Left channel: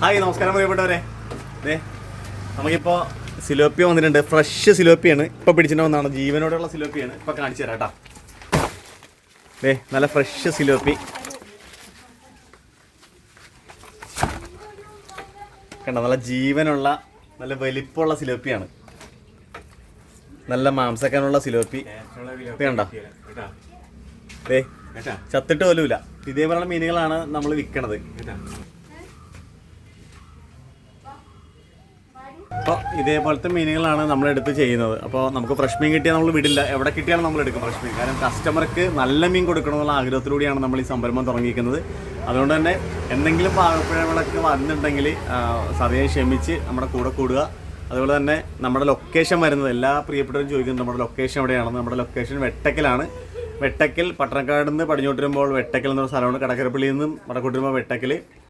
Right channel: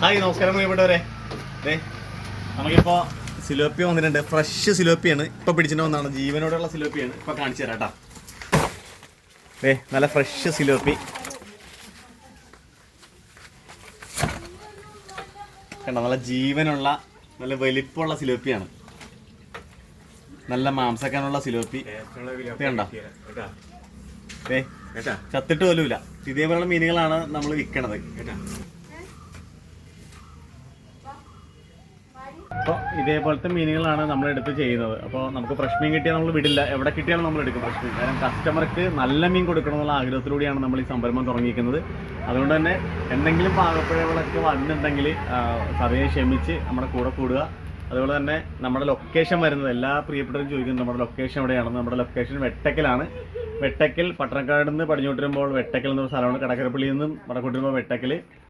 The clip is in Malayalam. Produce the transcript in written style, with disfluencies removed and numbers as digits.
ഹായ് നമസ്കാരം പ്രിയപ്പെട്ടവരെ. അതെ, നമുക്കിപ്പോൾ സിലോപ്പി വന്നിട്ടുണ്ട്. ഫ്രഷ് സിലോപ്പിയാണ് ഇപ്പോൾ പിടിച്ചിട്ട് വന്നതാണ്. ജീവനോടുള്ള സിലോപ്പിയാണ്. ഇപ്പോൾ കാണിച്ചു തരാം കേട്ടോ. അതെ, നല്ല ഫ്രഷ് സിലോപ്പി കണ്ടോ. നല്ല ജീവനുള്ള നല്ല വലിപ്പമുള്ള സിലോപ്പിയാണ്. നല്ല മാംസക്കാനുള്ള സിലോപ്പി കണ്ടോ. അതെ, ചത്തിട്ട് പോലുമില്ല. ഇതേപോലുള്ള മീനുകളാണ് നമ്മൾ വിൽക്കണത്. അപ്പോൾ ഇതേപോലത്തെ മീനുകളാണ് നമ്മളെടുത്ത് ചെയ്യുന്നത്. അപ്പോൾ നമുക്ക് ഫ്രഷ് മീൻ കിട്ടിയാൽ നമ്മൾ വിടില്ല. എവിടെ കിട്ടിയാലും നമ്മൾ എടുക്കും ഫ്രഷ് മീൻ. കാരണം കസ്റ്റമർക്ക് നല്ല മീൻ കൊടുക്കണമെന്നുള്ള ആഗ്രഹത്തിലൂടെയാണ് നമ്മൾ ഈ സംരംഭം തുടങ്ങിയിരിക്കുന്നത്. അതുകൊണ്ട് തന്നെ എന്തെങ്കിലും പാകപ്പിഴകളൊക്കെ വന്നിട്ടുണ്ടെങ്കിൽ സദയം ക്ഷമിച്ച് നമ്മുടെ കൂടെ കൂടുക. അതുപോലെ തന്നെ നമ്മുടെ ലൊക്കേഷൻ വരുന്നത് എല്ലാ പ്രിയപ്പെട്ടവരും ചോദിക്കുന്നത് നമ്മുടെ ലൊക്കേഷൻ എവിടെയാണെന്ന്. നമ്മുടെ ലൊക്കേഷൻ വെട്ടക്കലാണ്. വെട്ടക്കൽ പട്ടണക്കാട് നിന്ന് പടിഞ്ഞോട്ട് വരുമ്പോൾ വെട്ടക്കൽ എന്നൊരു സ്ഥലമാണ്. കടക്കരപ്പള്ളിയിൽ നിന്നും വടക്കോട്ട് വരുമ്പോൾ വെട്ടക്കൽ.